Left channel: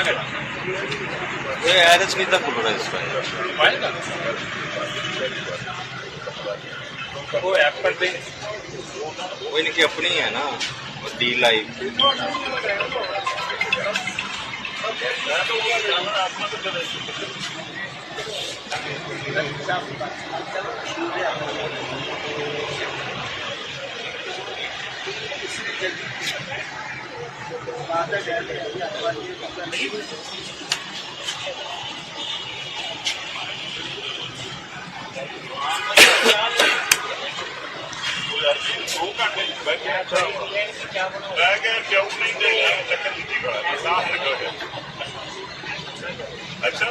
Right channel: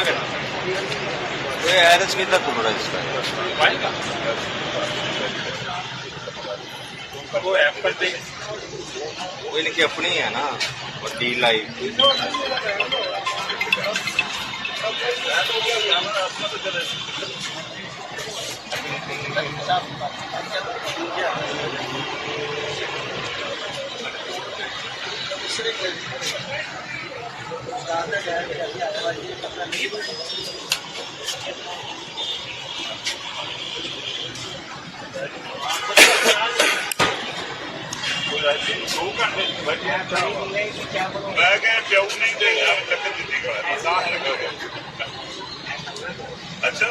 कोई एरस नहीं था खुल रहा है इसका वो ऐप कर दे वो इनकी अपनी है ना डी लाइव दो घंटे बैठे मैं क्या प्याऊ नहीं चाहिए चक्कर दी अच्छा अच्छा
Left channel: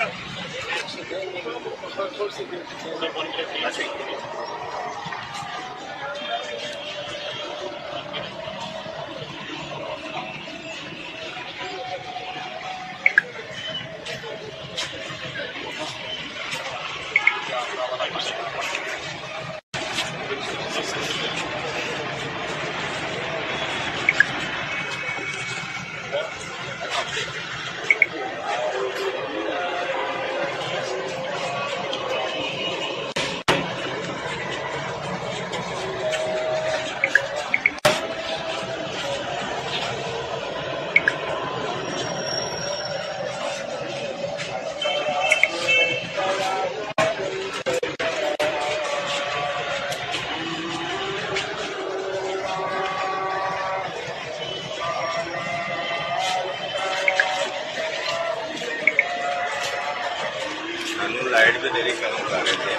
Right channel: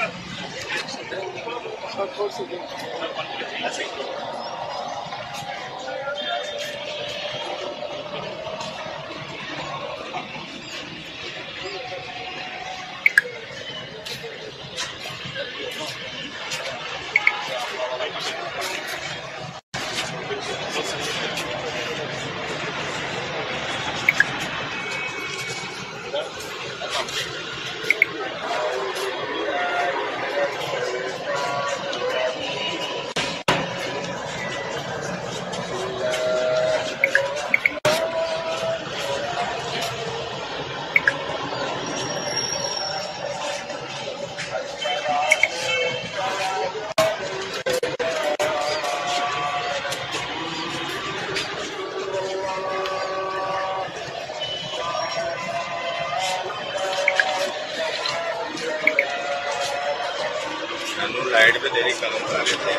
नानू लाइट पे तेरी काम कर रहे थे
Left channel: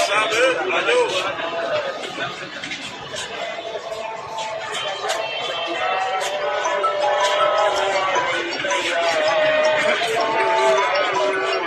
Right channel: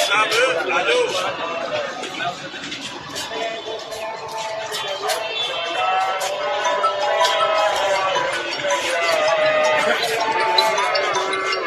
साहब आ जाओ